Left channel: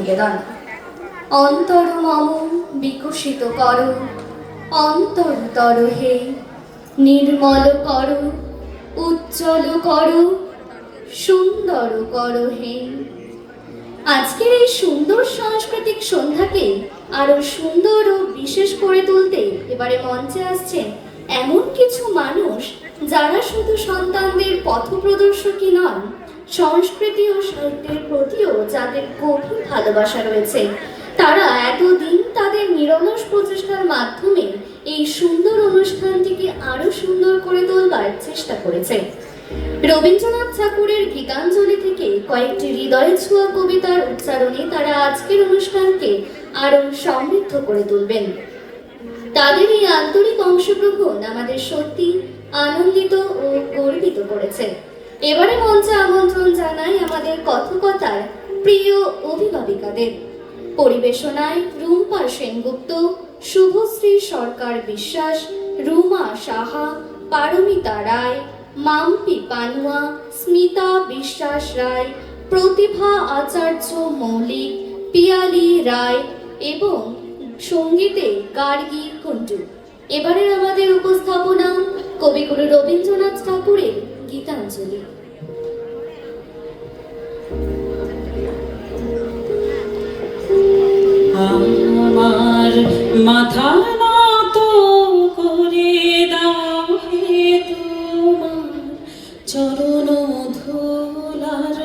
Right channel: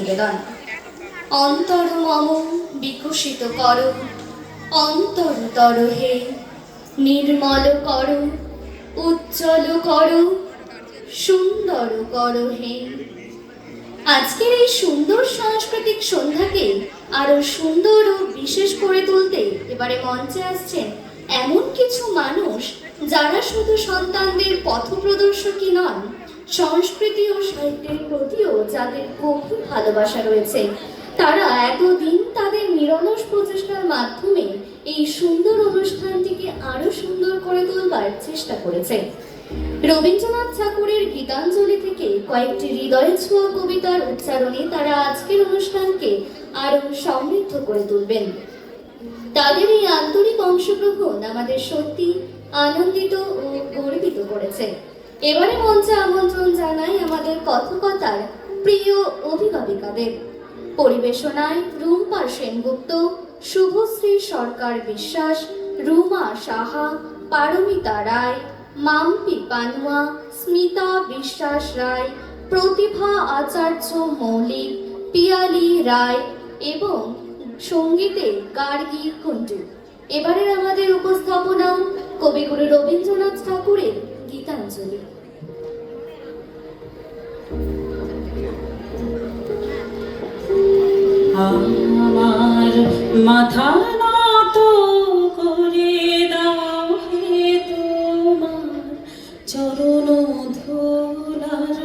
নিবেদন। অন্তর মম বিকশিত কর, অন্তরতর হে নির্মল কর, উজ্জ্বল কর, সুন্দর কর হে। আজকের এই সুন্দর সাংস্কৃতিক সন্ধ্যাকে আরো সুন্দর ও বিশেষ করে তুলতে এবারে মঞ্চে আসছেন এমন কিছু মানুষ যারা শুধু সন্তানদের পথপ্রদর্শকই নন, সংস্কৃতি ও সাহিত্যের প্রতিও যাদের গভীর ভালোবাসা রয়েছে। তারা এতদিন তাদের নিরলস প্রচেষ্টার মাধ্যমে এই সুন্দর অনুষ্ঠানটিকে আরো সুন্দর করে তোলবার চেষ্টা করেছে। রবীন্দ্রনাথ ঠাকুরের গীতাঞ্জলি থেকে কয়েকটি হৃদয় ছোঁয়া কবিতার উচ্চারণে তারা আজকের অনুষ্ঠানকে আরো সমৃদ্ধ করে তুলবেন। তাদের এই আন্তরিক অংশগ্রহণ আমাদের সত্যি আনন্দিত ও গর্বিত করেছে। এবারে মঞ্চে আমন্ত্রণ জানাই আমাদের কথকতার প্রিয় অভিভাবিকাদের। পরিবেশনায় রুম্পা সেনগুপ্ত, শুভশ্রী সরকার বিশ্বাস, রুমা সাহা, পারমিতা রায়, মাম্পি পানুয়া, স্মিতা বিশ্বাস রায়, প্রতিভা আচার্য মৌলিক, পিয়ালি রায় এবং সঙ্গীতে গার্গী কুন্ডু। এবারের আমাদের উপস্থাপনা কবিগুরু রবীন্দ্রনাথ ঠাকুরের গীতাঞ্জলি। আমার মাথা নত করে দাও হে তোমার চরণ ধুলার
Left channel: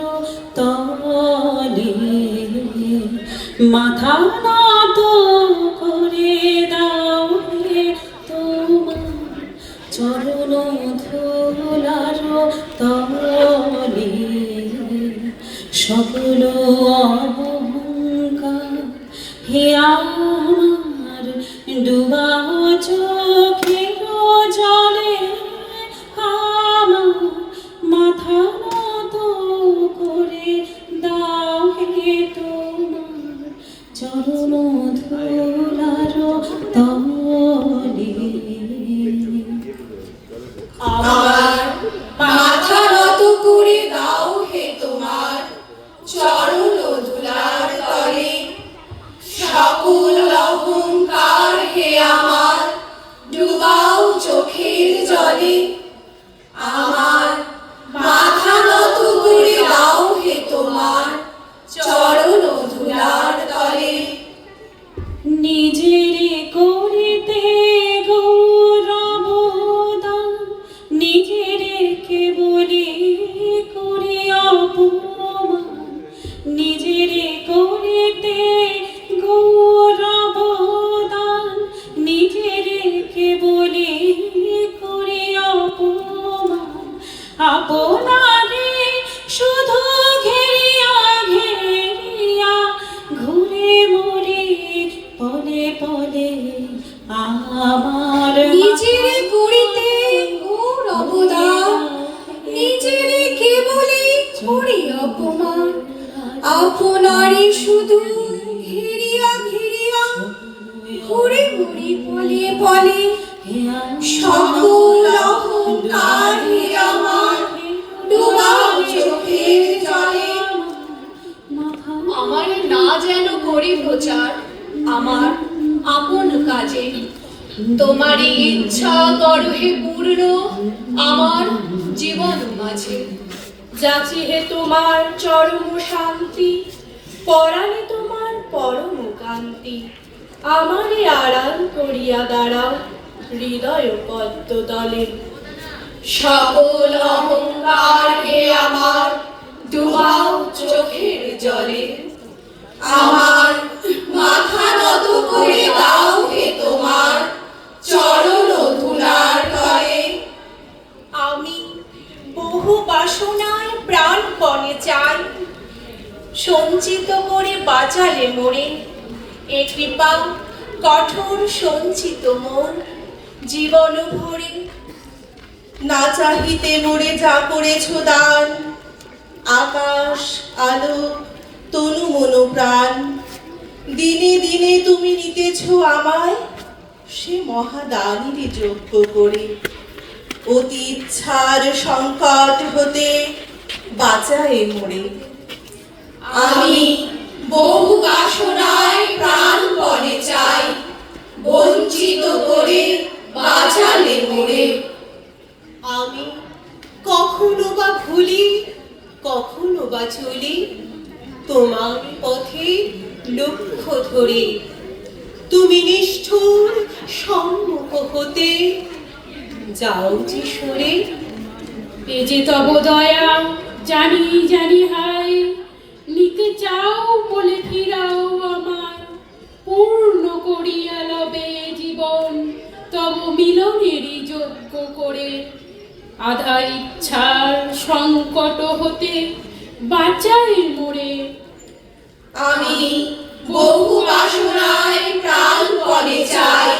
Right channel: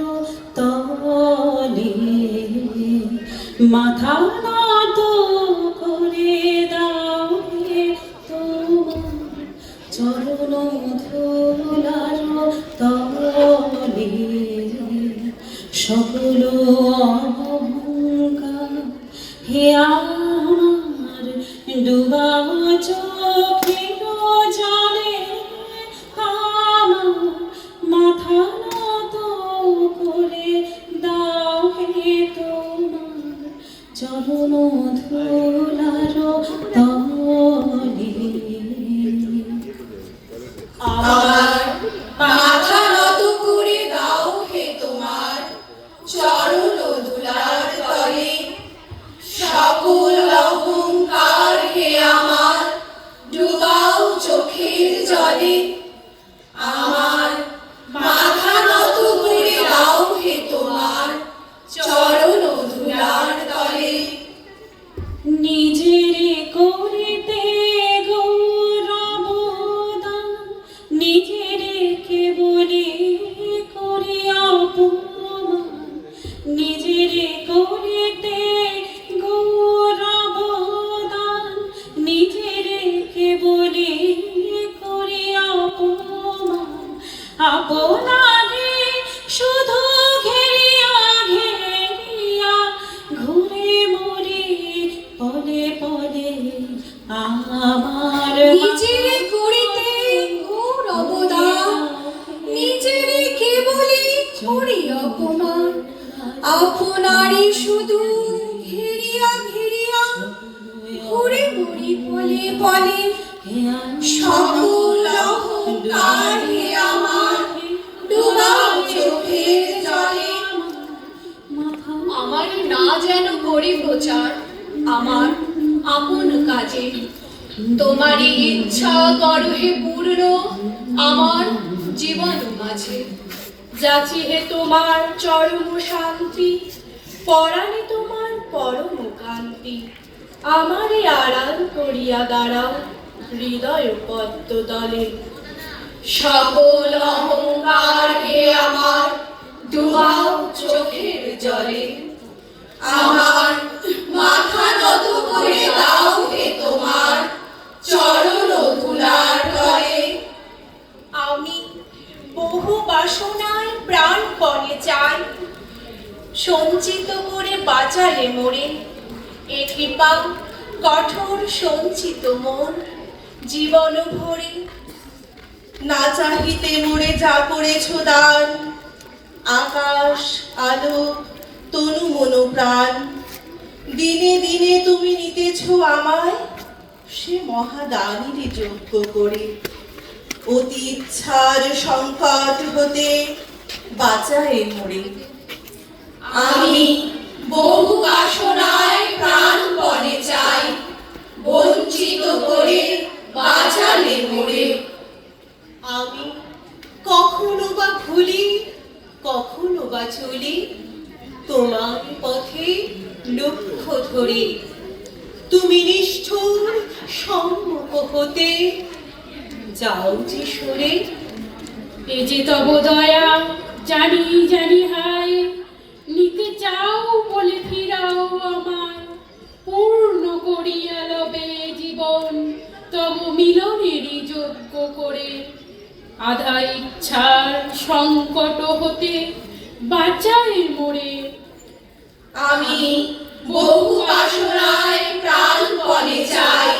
তলে, মাথা নত করে দাও হে তোমার চরণ ধুলার তলে, সকল অহংকার হে আমার ডুবা চোখের জলে, আমার মাথা নত করে দাও হে তোমার চরণ ধুলার তলে। আমার মাথা নত করে দাও হে তোমার চরণ ধুলার তলে, সকল অহংকার হে আমার ডুবাও চোখের জলে। আমার মাথা নত করে দাও হে তোমার চরণ ধুলার তলে। নিজের করিতে গৌরবদান, নিজের কেবলি করি অপমান, নিজের করিতে গৌরবদান, নিজের কেবলি করি অপমান, আপনারে শুধু ঘেরিয়া ঘেরিয়া ঘুরে মরি পলে পলে। আমার নিজের করিতে গৌরবদান, নিজের কেবলি করি অপমান, আপনারে শুধু ঘেরিয়া ঘেরিয়া ঘুরে মরি পলে পলে। সকল অহংকার হে আমার ডুবাও চোখের জলে। আমার না যেন করি প্রচার আমার আপন কাজে, তোমারই ইচ্ছা করো হে পূর্ণ আমার জীবন মাঝে। যাচি হে তোমার চরম শান্তি, পরাণে তোমার পরম কান্তি, আমারে আড়াল করিয়া দাঁড়াও হৃদয় পদ্ম তলে। সকল অহংকার হে আমার ডুবাও চোখের জলে, আমার মাথা নত করে দাও হে তোমার চরণ ধুলার তলে। আমি বহু বাসনায় প্রাণপণে চাই, সঞ্চিত করে বাঁচালে মোরে এ কৃপা কঠোর সঞ্চিত মন জীবন ভরে। না চাহিতে মোরে যা করেছ দান, আকাশ আলো তনু মনো প্রাণ, দিনে দিনে তুমি নিতেছ আমায় সে মহাদানীর যোগ্য করে। অতি ইচ্ছার সংকট হতে বাঁচায় মোরে। আমি বহু লক্ষ্য ধরে তুমি নিষ্ঠুর সম্মুখ হতে যাও যে সরে। এ যে তব দয়া জানি জানি হায়, নিতে চাও বলে ফিরাও আমার, পূর্ণ করিয়া লবে জীবন তব মিলনেরই যোগ্য করে। আধা ইচ্ছার সংকট হতে বাঁচাই মোরে। আমি বহু বাসনায় প্রাণপণে চাই,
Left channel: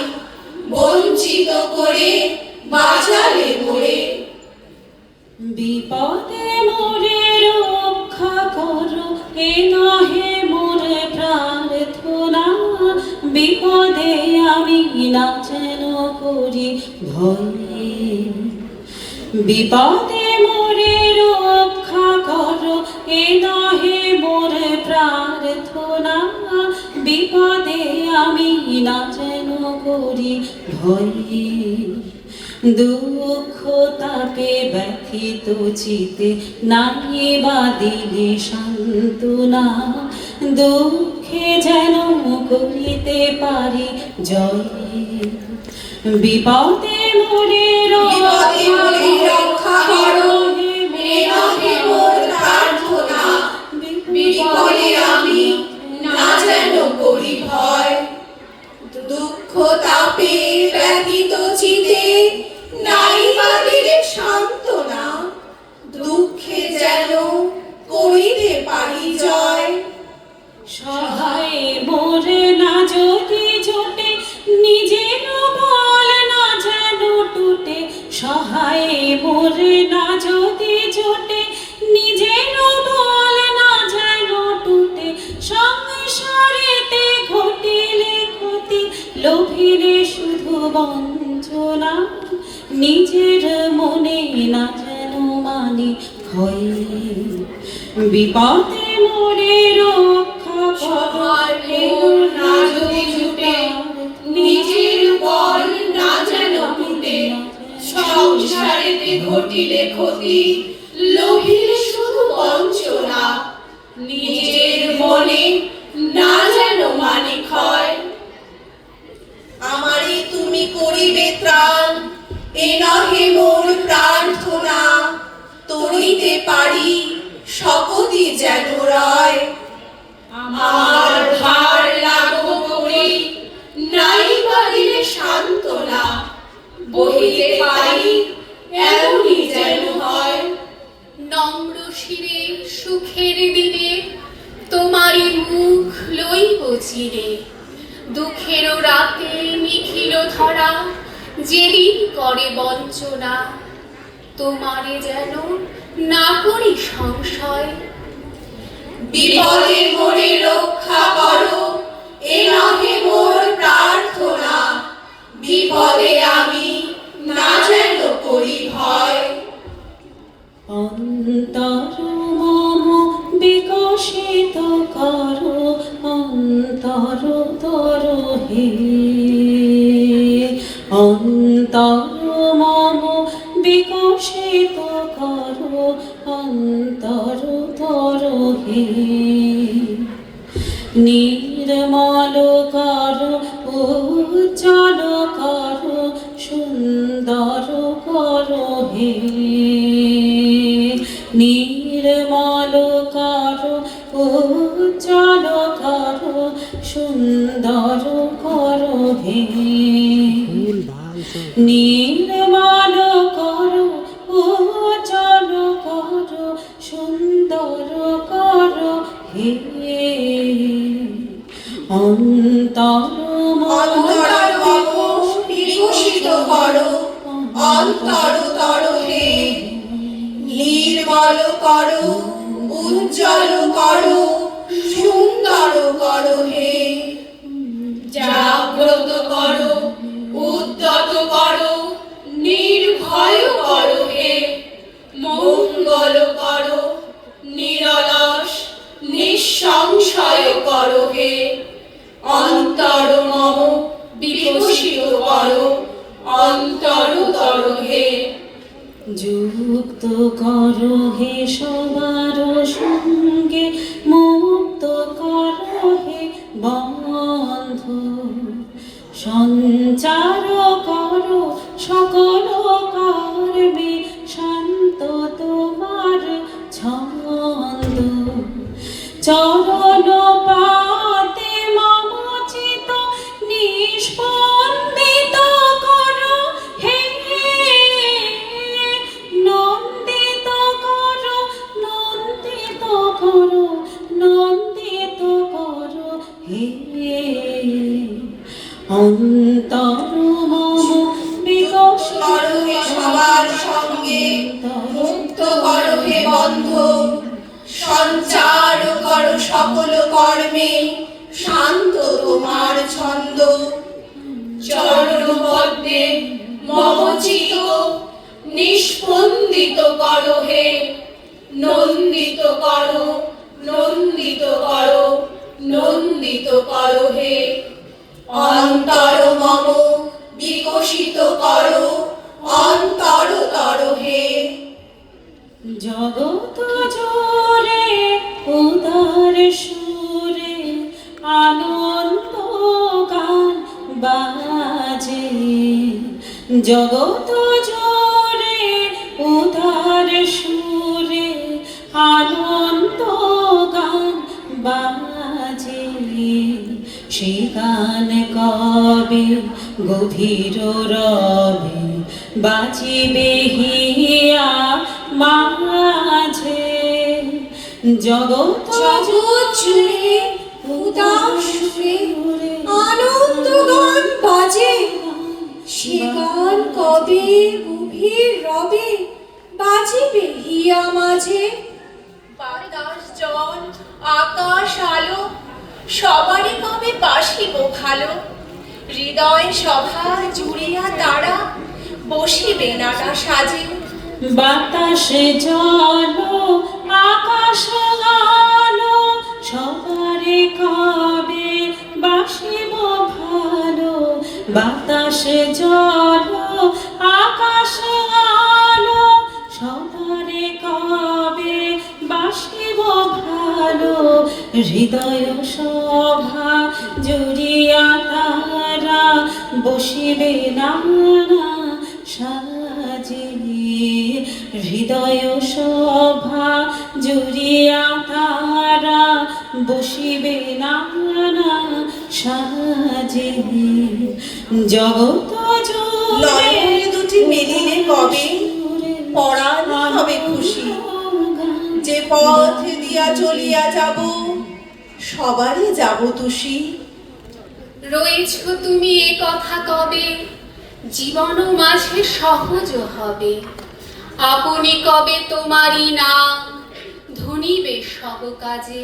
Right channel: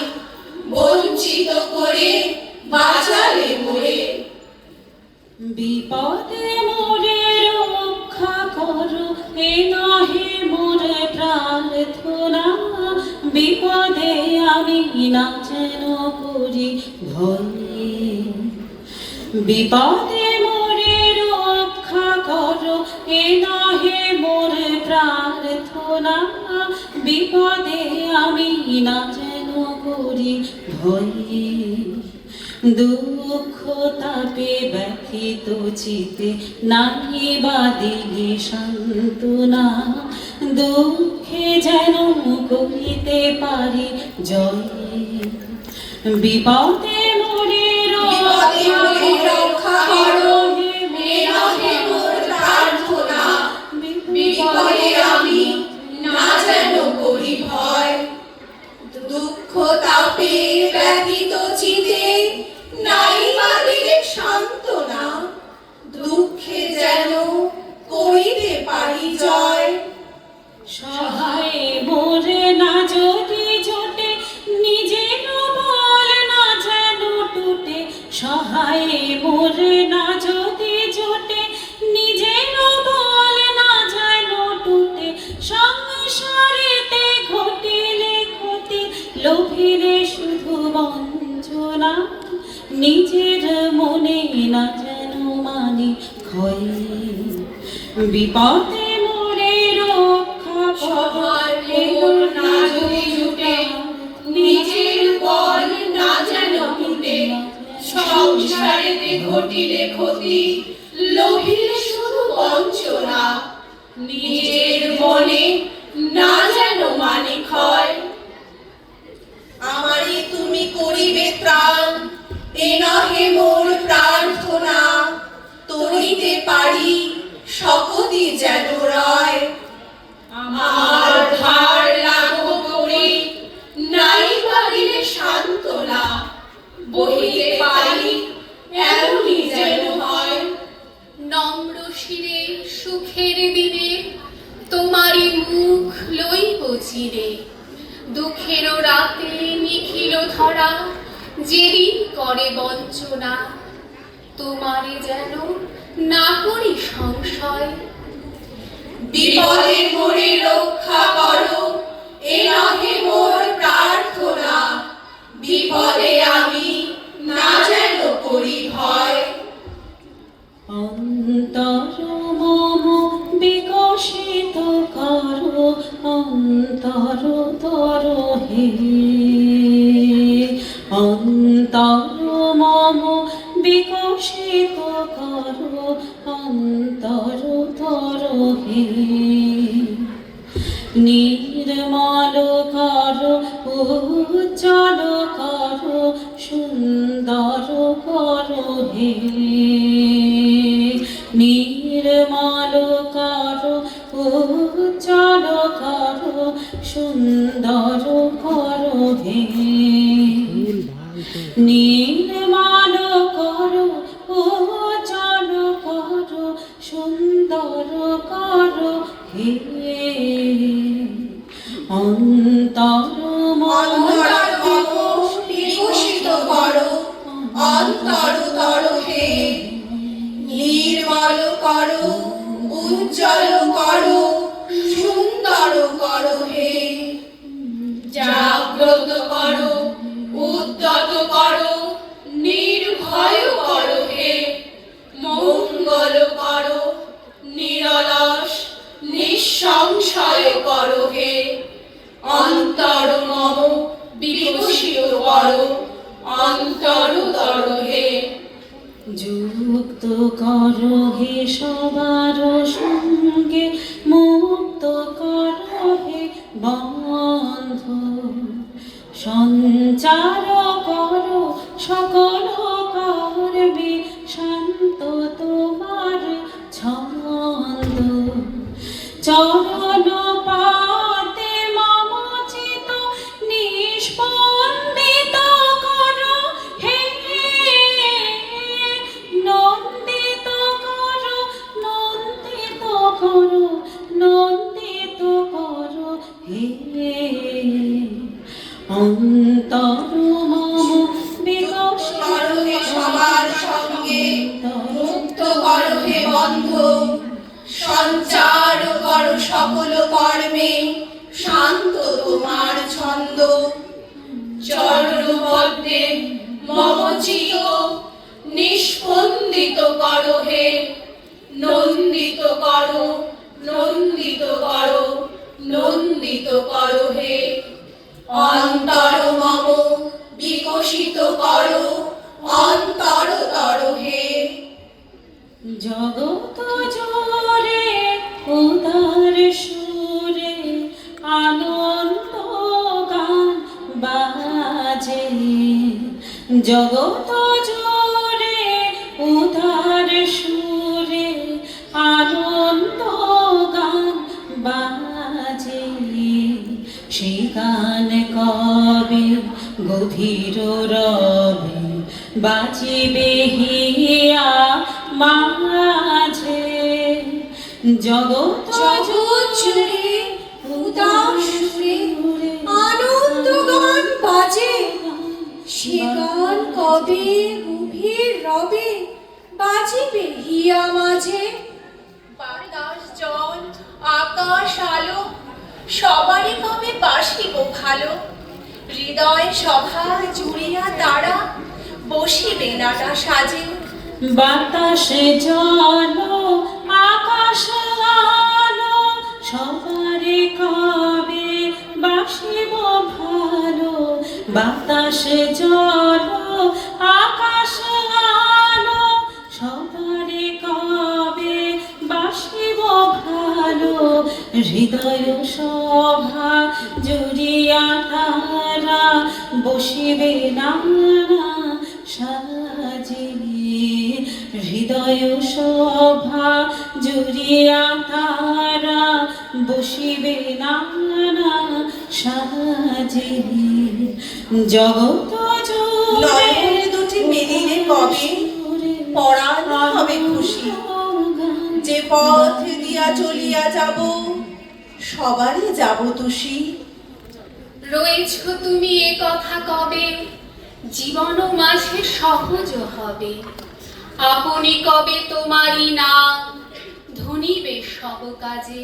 বঞ্চিত করে বাঁচালে মোরে। বিপদে মোরে রক্ষা করো, এ নহে মোরে প্রার্থনা। বিপদে আমি না যেন করি ভয়। বিপদে মোরে রক্ষা করো, এ নহে মোরে প্রার্থনা। বিপদে আমি না যেন করি ভয়। দুঃখ তাপে ব্যথিত চিতে নাই বা দিলে সান্ত্বনা। দুঃখে যেন করিতে পারি জয়। বিপদে মোরে রক্ষা করো, এ নহে মোর প্রার্থনা। বিপদে আমি না যেন করি ভয়। দুঃখ তাপে ব্যথিত চিতে নাই বা দিলে সান্ত্বনা। দুঃখে যেন করিতে পারি জয়। সহায় মোরে না যদি জোটে, নিজের বল না যেন টুটে। সহায় মোরে না যদি জোটে, নিজের বল না যেন টুটে। সংসারেতে ঘটিলে ক্ষতি, লোভিলে শুধু বঞ্চনা। নিজের মনে না যেন মানি ক্ষয়। বিপদে মোরে রক্ষা সবার মোর না যদি জুটে, নিজের বল না যেন টুটে। সংসারেতে ঘটিলে ক্ষতি, লোভিলে শুধু বঞ্চনা। নিজের মনে না যেন মানি ক্ষয়। আমারই তুমি করিবে ত্রাণ, এ নহে মোর প্রার্থনা। তরিতে পারি শপথি যেন রয়। আমার ভার লাঘব করি, নাই পারিলে সান্ত্বনা। বহিতে পারি এমনই যেন হয়। নম্র শিরে সুখের দিনে তোমারই মুখ লইব চিরে। দুঃখের রাতে নিখিল ধরা, যেদিন করে বঞ্চনা। তোমারে যেন না করি সংশয়। বিপদে মোরে রক্ষা করো, এ নহে মোর প্রার্থনা। বিপদে আমি না যেন করি ভয়। অন্তর মম বিকশিত করো, অন্তর তর হে। অন্তর মম বিকশিত করো, অন্তর তর হে। নির্মল করো, উজ্জ্বল করো, সুন্দর করো হে। নির্মল করো, উজ্জ্বল করো, সুন্দর করো হে। নির্মল করো, উজ্জ্বল করো, সুন্দর করো হে। অন্তর বিকশিত করো, অন্তর তর হে। নির্মল করো, উজ্জ্বল করো, সুন্দর করো হে। জাগ্রত করো, উদ্যত করো, নির্ভয় করো হে। মঙ্গল করো, নিরলস নিঃসংশয় করো হে। অন্তর মম বিকশিত করো, অন্তর তর হে। যুক্ত করো হে সবার সঙ্গে, মুক্ত করো হে সঞ্চার করো সকল কর্মে, শান্ত তোমার ছন্দ। চরণ পাতে মম চিত নিষ্পন্দিত করো হে, নন্দিত করো, নন্দিত করো, নন্দিত করো হে। অন্তর মম বিকশিত করো হে সবার সঙ্গে, মুক্ত করো হে বন্ধ, সঞ্চার করো সকল কর্মে, শান্ত তোমার ছন্দ। চরণ পদ্মে মম চিত নিষ্পন্দিত করো হে, নন্দিত করো, নন্দিত করো, নন্দিত করো হে। অন্তর মম বিকশিত করো, অন্তর তর হে। জগৎ জোরে উদার সুরে আনন্দ গান বাজে, জগৎ জোরে উদার সুরে আনন্দ গান বাজে। সেই গান কবে গভীর রবে বাজিবে হিয়া মাঝে, জগৎ জুড়ে উদাস সুরে আনন্দ গান বাজে, সে গান কবে গভীর রবে বাজিবে হিয়া মাঝে। বাতাস জল আকাশ আলো সবারই কবে বাসিব ভালো, হৃদয় সভা জুড়িয়া তারা বসিবে নাটা সাজে। বাতাসে জল আকাশ আলো সবারে কবে বাসিব ভালো, বাতাসে জল আকাশ আলো সবারে কবে বাসিব ভালো। হৃদয় সভা জুড়িয়া তারা বসিবে নানা সাজে, হৃদয় সভা জুড়িয়া তারা বসিবে নানা সাজে। জগৎ নয়নে দুটি মেলিলে কবে পরাণ হবে খুশি, যে পথ দিয়া চলিয়া যাব সবারই যাব তুষি। রয়েছ তুমি এ কথা কবে, জীবন মাঝে সহজ হবে, আপনি কবে তোমারই নাম ধনিবে সব কাজে।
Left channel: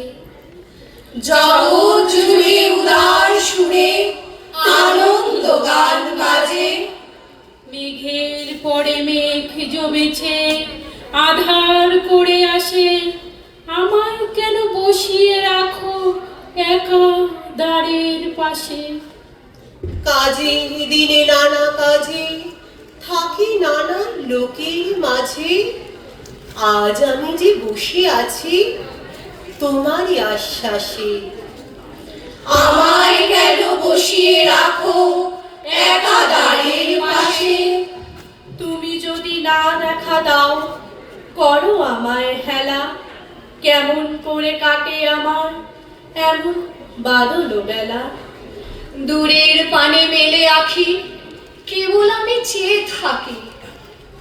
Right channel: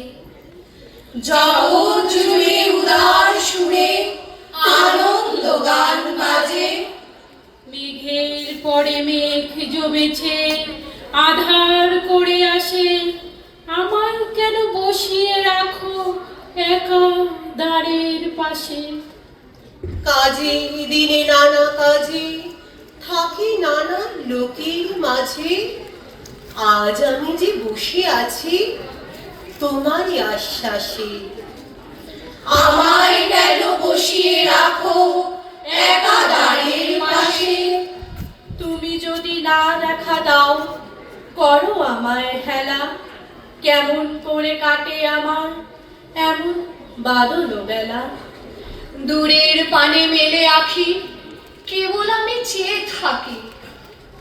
জগৎ জুড়ে উদার সুরে আনন্দ গান বাজে, মেঘের পরে মেঘ জমেছে আধার করে আসে, আমায় কেন বসিয়ে রাখো একা দ্বারের পাশে। কাজে দিনে নানা কাজে থাকি নানা লোকের মাঝে, আজ আমি যে বসে আছি তোমারই আশ্বাসে। আমায় কেন বসিয়ে রাখো একা দ্বারের পাশে, তুমি যদি না রাখা দাও করো আমায় হেলা, কেমন করে কাটে আমার এমন বাদল বেলা। দূরের পানে মেলে আখি কেবল আমি চেয়ে থাকি,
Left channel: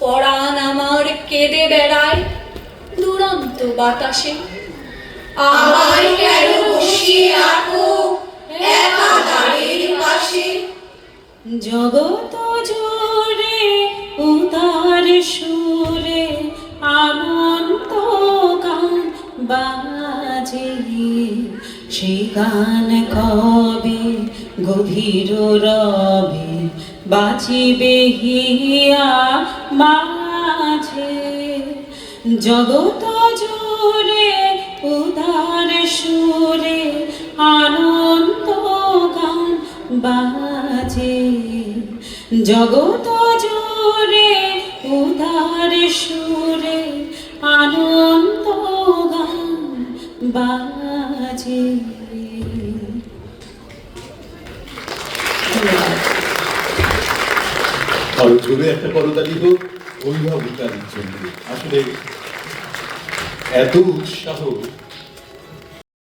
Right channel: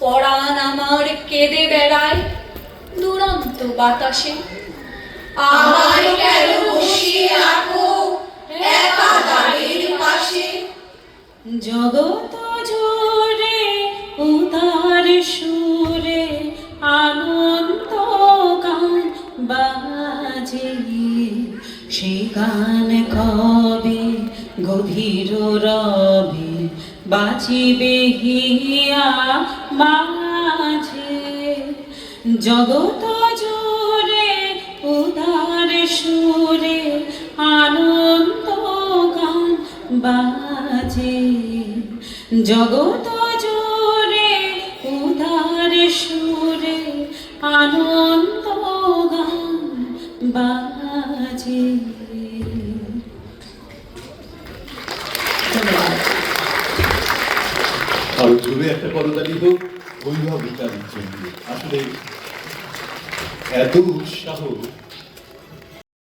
পরাণ আমার কেঁদে বেড়ায় দুরন্ত বাতাসে। আমায় কেন বসিয়ে রাখো একা দ্বারের পাশে। জগৎ জোরে উদার সুরে আনন্দ গান বাজে, সেই গান কবে গভীর রবে বাজিবে হিয়া মাঝে। জগৎ জোরে উদার সুরে আনন্দ গান বাজে, জগৎ জোরে উদার সুরে আনন্দ গান বাজে। ধন্যবাদ। জোরে একটা করতালি হোক অভিভাবকারীর জন্য। আসলে এত উৎসাহ